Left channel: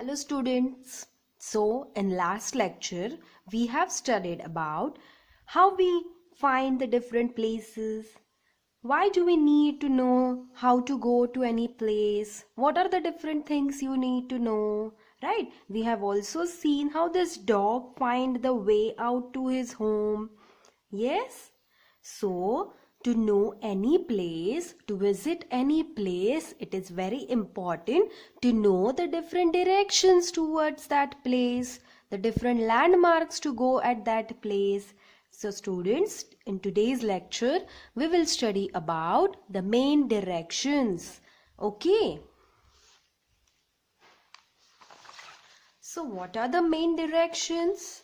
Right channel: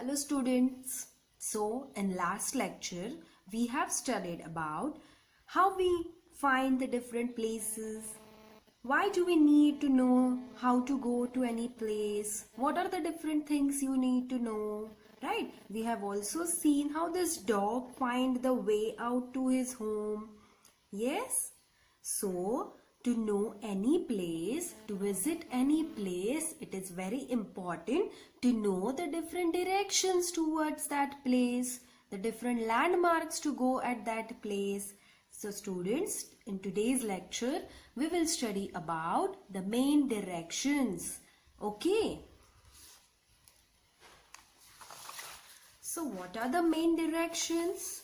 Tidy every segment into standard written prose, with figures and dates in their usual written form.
Hello students. So in last lecture we have studied about how we find the different places. Why do we need to know how to go to any place? What are the different things you need to know? Right? We have also seen how this dog find the way out to his home. Yes? So, to know any place, to visit any place, it is very important to know the different directions towards that place, the different landmarks to go at that place. So, students, in today's lecture, we will study about the main directions. Okay. So, what are the main directions?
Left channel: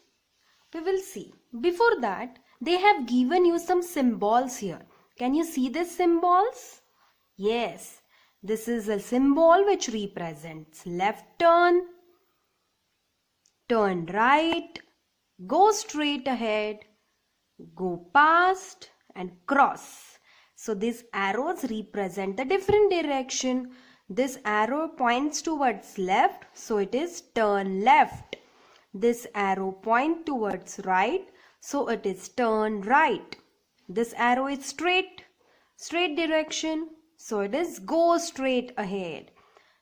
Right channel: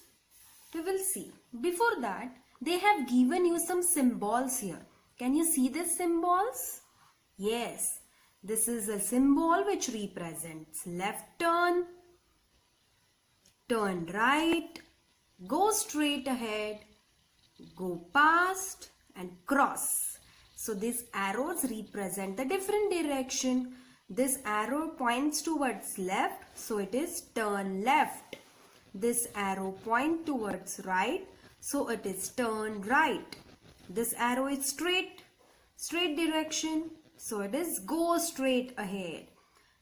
We will see. Before that, they have given you some symbols here. Can you see these symbols? Yes, this is a symbol which represents left turn, turn right, go straight ahead, go past and cross. So these arrows represent the different direction. This arrow points towards left, so it is turn left. This arrow points towards right, so it is turn right. This arrow is straight direction, so it is go straight ahead.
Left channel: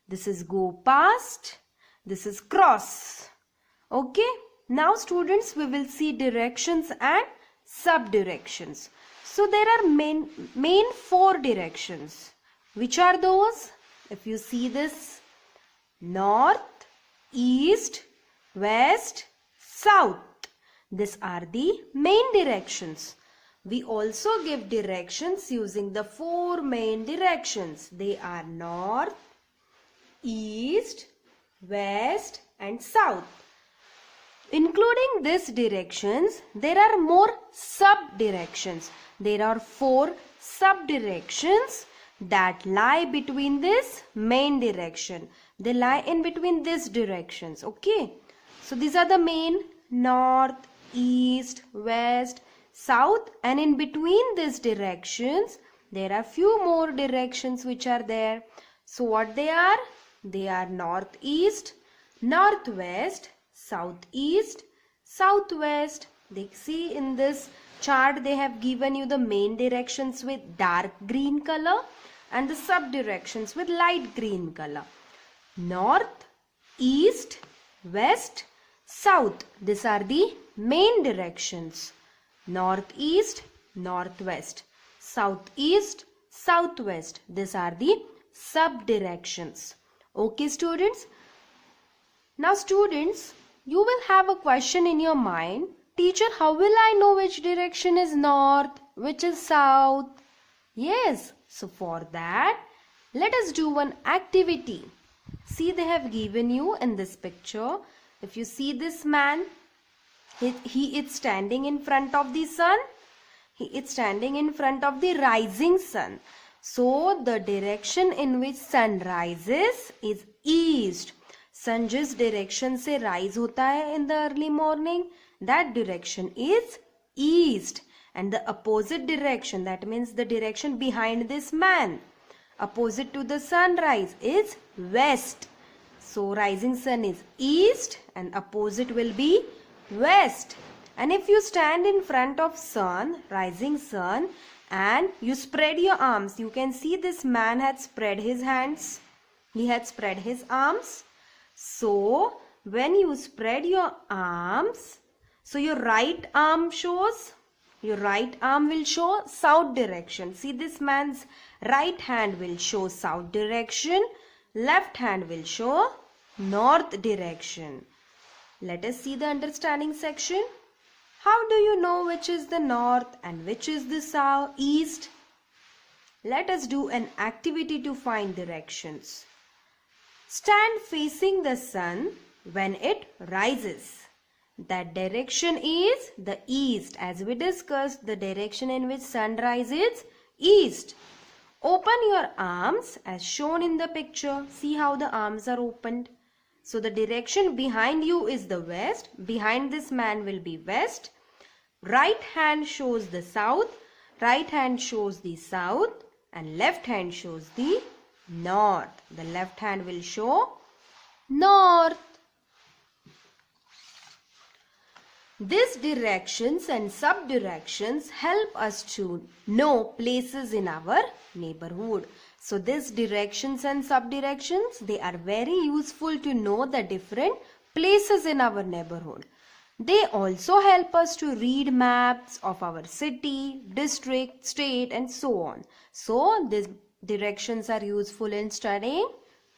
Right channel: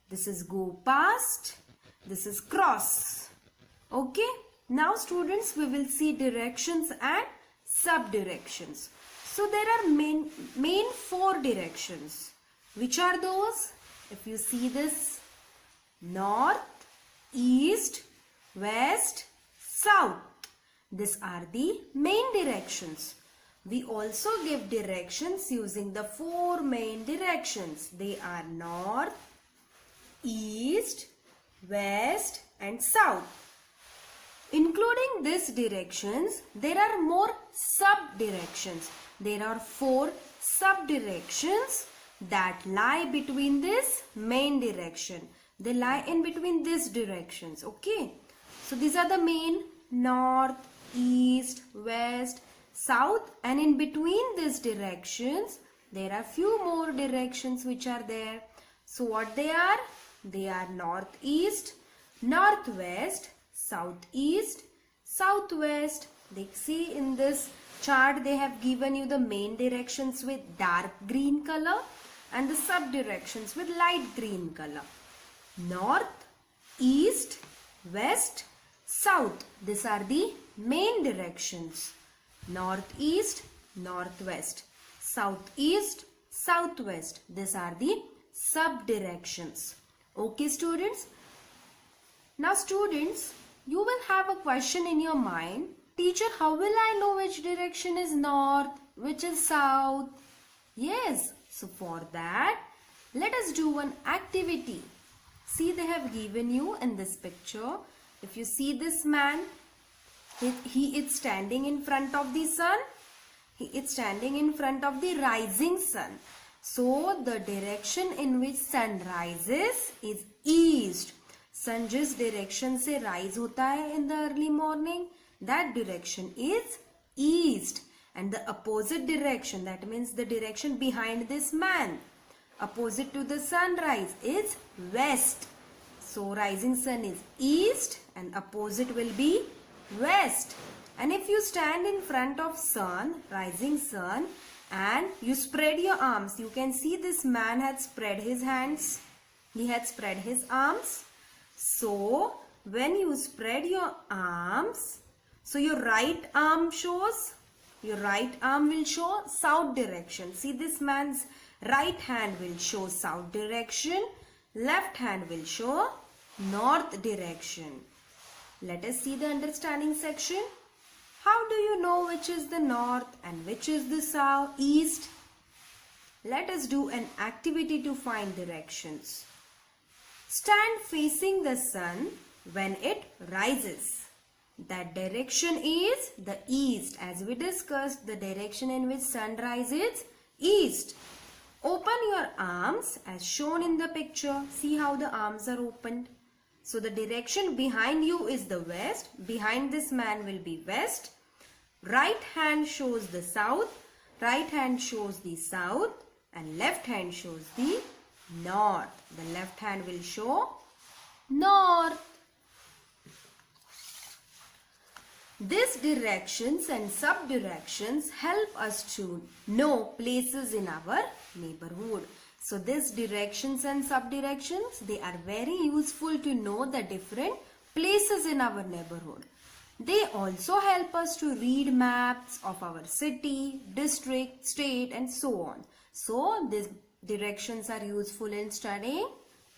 This is go past, this is cross. Okay, now students, we will see directions and sub-directions. So there are main four directions. Which are those? If you see this, north, east, west, south. These are the main directions. We also give directions using the four main directions. They are north, east, west and south. Including these directions, there are more sub-directions. There are four sub-directions that lie between this main direction. They lie in between these directions. Okay. So these are the main: north, east, west, south, and in between these directions there are few more directions which are there. So what they are? They are northeast, northwest, southeast, southwest. They see in this chart they have given you the main directions with dark green color and the sub directions with light green color. North, east, west, south. These are the main directions. Northeast, northwest, southeast, southwest. These are the sub directions. Okay students. Now students, you will have a question in your mind. Teacher, how will I know which direction is north, which is south? Yes, so for that, let us do one activity. See, they have given you in this picture. If you see this man, he is standing in front of the sun. He is standing in front of the rising sun. So, the direction in which sun rises is east. Sun जिस direction से rise होता है in the early morning, that direction is east. And the opposite direction, that means the direction behind this man, opposite to the sunrise, is west. So rising sun is east and opposite will be west. And if you stand in front of sun, rising sun, and you spread your arms, you can see this man had spread his hands. He had spread his arms. So when you spread your arms, so your right arm shows, your right arm will show south direction. See, this man's right hand will show south direction. Left hand will show north direction. Let us see the understanding section. How do you know which is the north and which is the south, east? Let us do an activity to find directions. Stand facing the sun when it rises. That direction is the east. As we discussed, the direction in which sun rises, east. Open your arms as shown in the picture. See how the arms are opened. So the direction behind you is the west. Behind this man will be west. Right hand shows the south. Right hand shows the south. And left hand shows the north. The left hand will show north. These directions and sub-directions help us to know places in our neighborhood. So these directions and sub-directions, they are very useful to know the different places in our neighborhood. They also help us to read maps of our city, district, state and so on. So these directions are useful in studying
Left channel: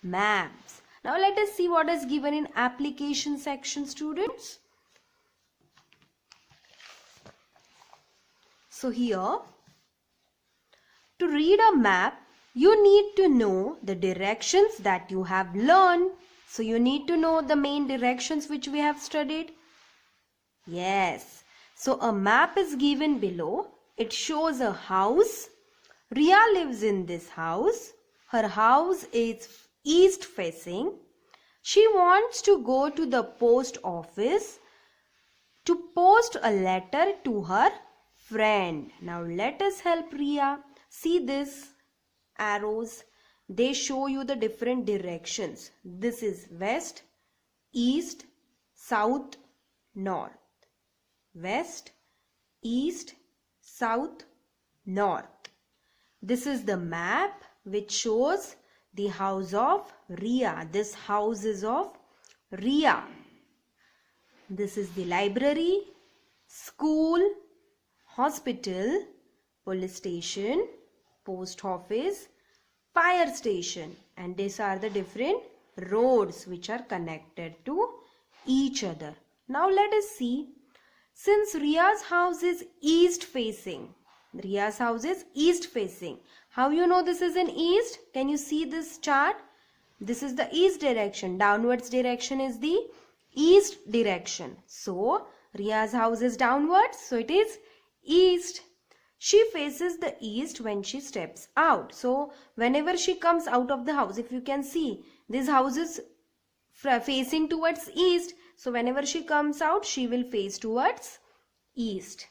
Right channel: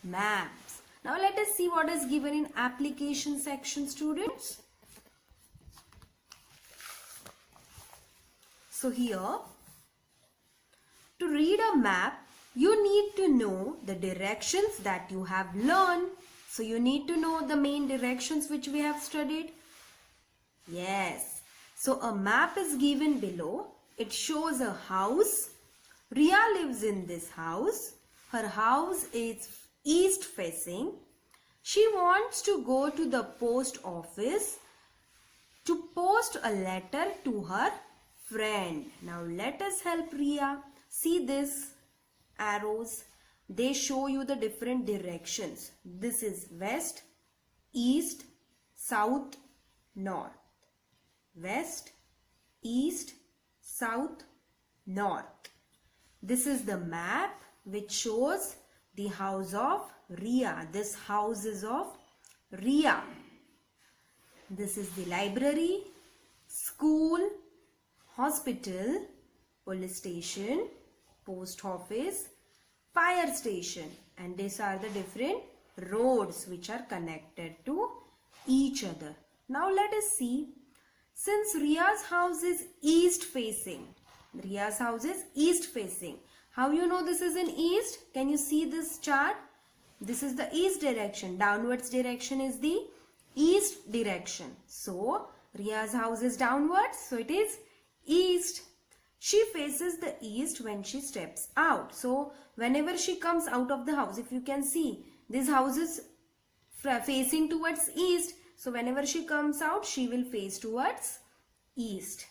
maps. Now let us see what is given in application section, students. So here, to read a map, you need to know the directions that you have learned. So you need to know the main directions which we have studied. Yes. So a map is given below. It shows a house. Ria lives in this house. Her house is east facing. She wants to go to the post office to post a letter to her friend. Now let us help Ria. See this arrows. They show you the different directions. This is west, east, south, north. West, east, south, north. This is the map which shows the house of Ria. This house is of Ria. This is the library, school, hospital, police station, post office, fire station, and these are the different roads which are connected to each other. Now let us see. Since Ria's house is east facing, Ria's house is east facing. How you know this is in east? Can you see this chart? This is the east direction. Downwards direction is the east direction. So Ria's house is downwards. So it is east. She faces the east when she steps out. So whenever she comes out of the house, if you can see, this house is facing towards east. So whenever she comes out, she will face towards east.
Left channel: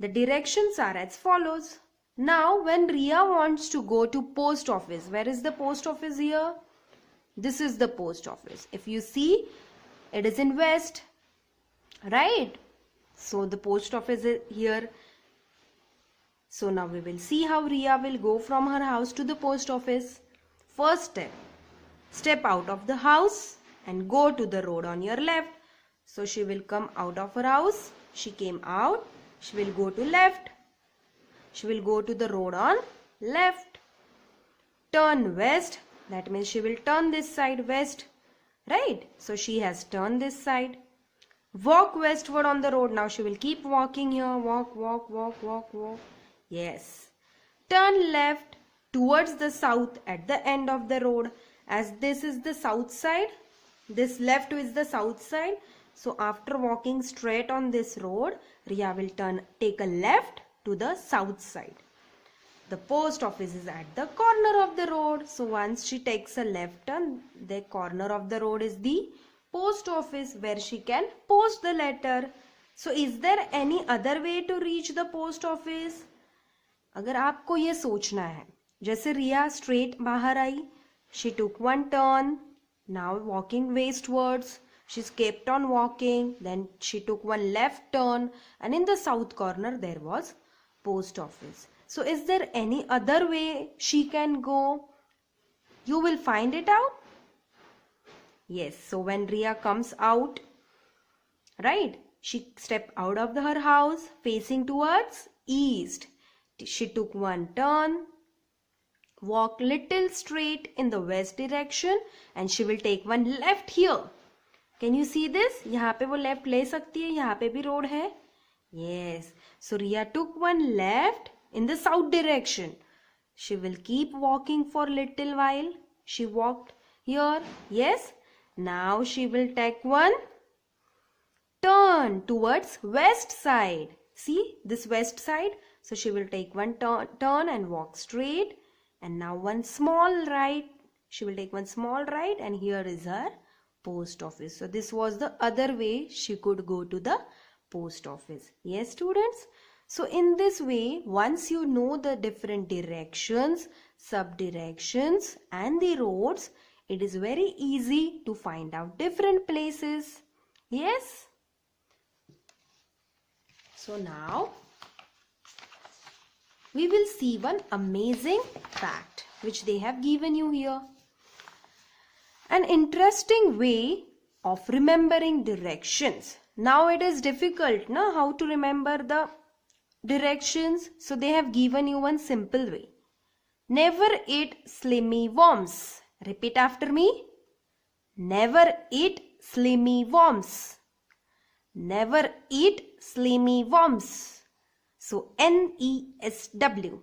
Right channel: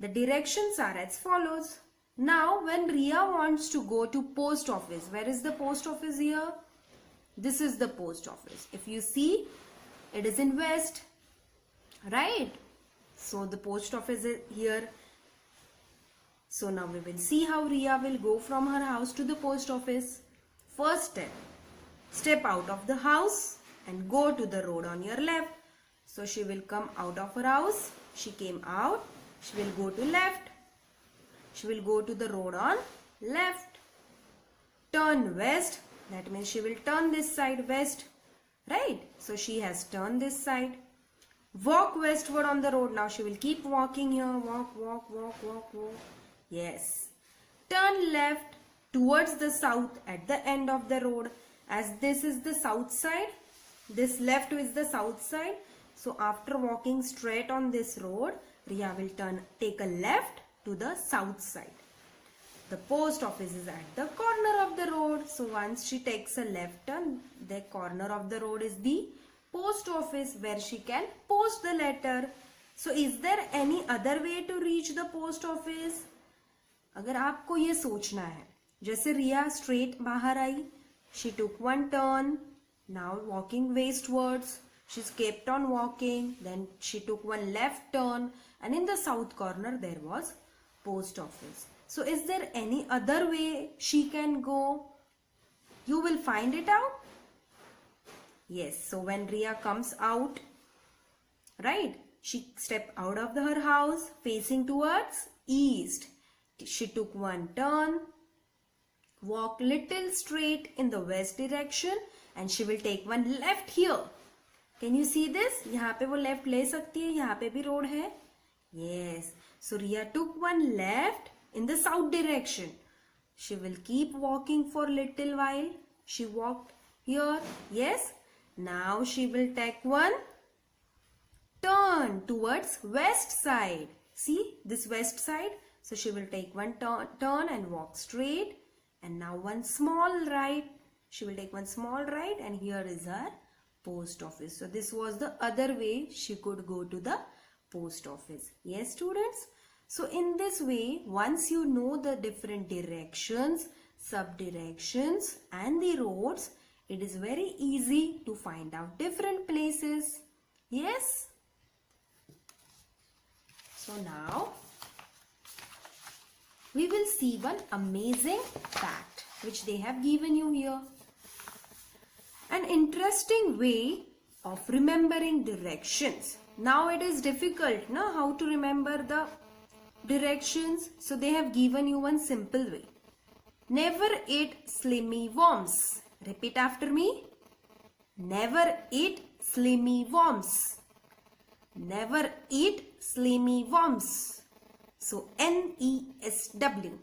The directions are as follows. Now when Ria wants to go to post office, where is the post office here? This is the post office. If you see, it is in west, right? So the post office is here. So now we will see how Ria will go from her house to the post office. First step, step out of the house and go to the road on your left. So she will come out of her house. She came out. She will go to left. She will go to the road on left. Turn west. That means she will turn this side west. Right? So she has turned this side. Walk westward on the road. Now she will keep walking here. Walk, walk, walk, walk, walk. Yes. Turn left towards the south at the end of the road. As this is the south side, this left is the south side. So after walking straight on this road, Ria will take a left to the south side. The post office is at the corner of the road. So once she takes a left turn, the corner of the road is the post office where she can post the letter. So is there any other way to reach the post office? अगर आपको ये सोचना है, जैसे रिया straight बाहर आई, she took one turn, now walking westwards, she kept on walking, then she took one left turn, and in the south corner there was post office. So is there any other way she can go? You will find it out. Yes, so when Ria comes out, right, she stepped out of her house facing towards east. She took one turn, walk little straight in the west direction, and she will take one left here. Can you see this? यहाँ पे वो left ले सकती है, यहाँ पे भी road है. Yes. So Ria took one left in the south direction. She will keep walking for little while. She walked here. Yes. Now she will take one turn towards west side. See this west side. So she will take one turn and walk straight. And now one small right. She will take one small right, and here is her post office. So this was the other way she could go to the post office. Yes, students. So in this way, once you know the different directions, sub-directions and the roads, it is very easy to find out different places. Yes? So now we will see one amazing fact which they have given you here. An interesting way of remembering directions. Now it is difficult, na, how to remember the directions. So they have given you one simple way. Never eat slimy worms. Repeat after me. Never eat slimy worms. Never eat slimy worms. So NESW,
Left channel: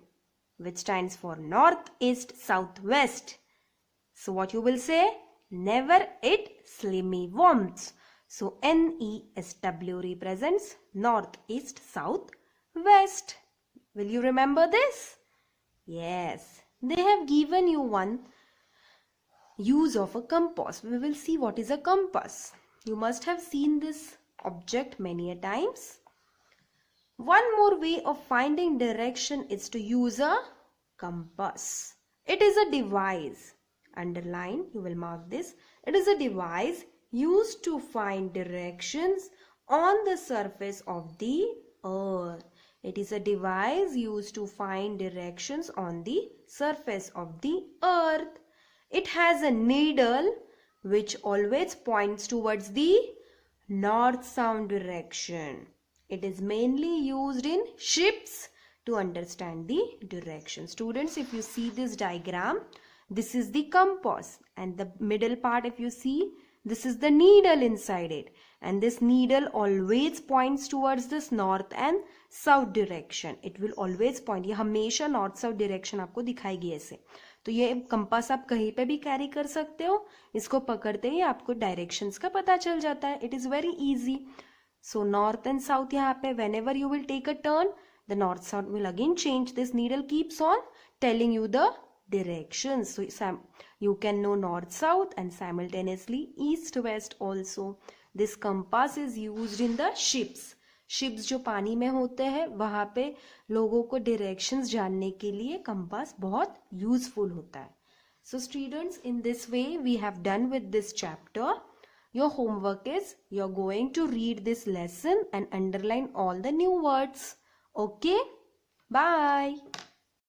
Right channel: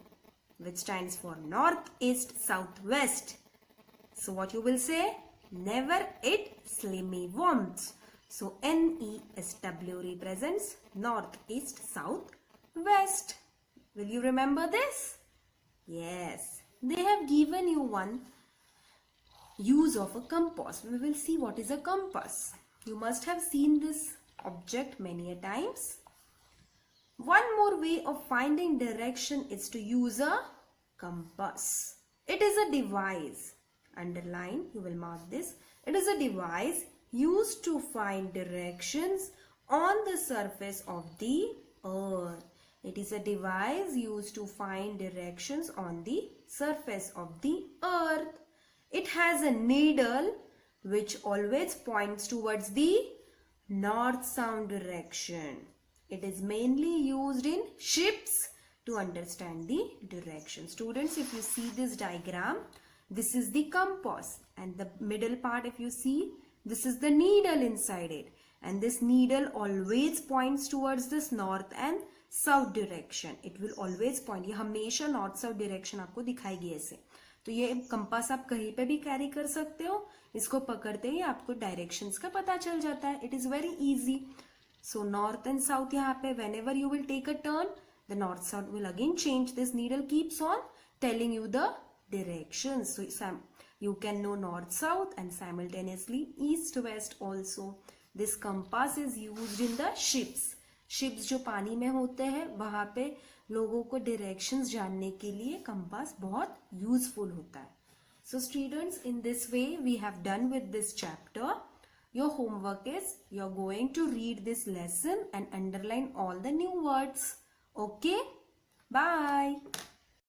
which stands for north, east, south, west. So what you will say? Never eat slimy worms. So NESW represents north, east, south, west. Will you remember this? Yes. They have given you one use of a compass. We will see what is a compass. You must have seen this object many a times. One more way of finding direction is to use a compass. It is a device. Underline, you will mark this. It is a device used to find directions on the surface of the earth. It is a device used to find directions on the surface of the earth. It has a needle which always points towards the north-south direction. It is mainly used in ships to understand the direction. Students, if you see this diagram, this is the compass, and the middle part, if you see, this is the needle inside it, and this needle always points towards this north and south direction. It will always point. ये हमेशा north south direction आपको दिखाएगी ऐसे. तो ये compass आप कहीं पे भी कैरी कर सकते हो. इसको पकड़ते ही आपको डायरेक्शंस का पता चल जाता है. It is very easy. So north and south यहाँ पे whenever you will take a turn, the north south will again change. This needle keeps on telling you the directions. So you can know north south and simultaneously east west also. This compass is used in the ships. Ships जो पानी में होते हैं वहां पे लोगों को directions जानने के लिए कंपास बहुत यूजफुल होता है. So students, in this way we have done with this chapter. Your homework is you're going to read this lesson and underline all the new words. Okay? Bye.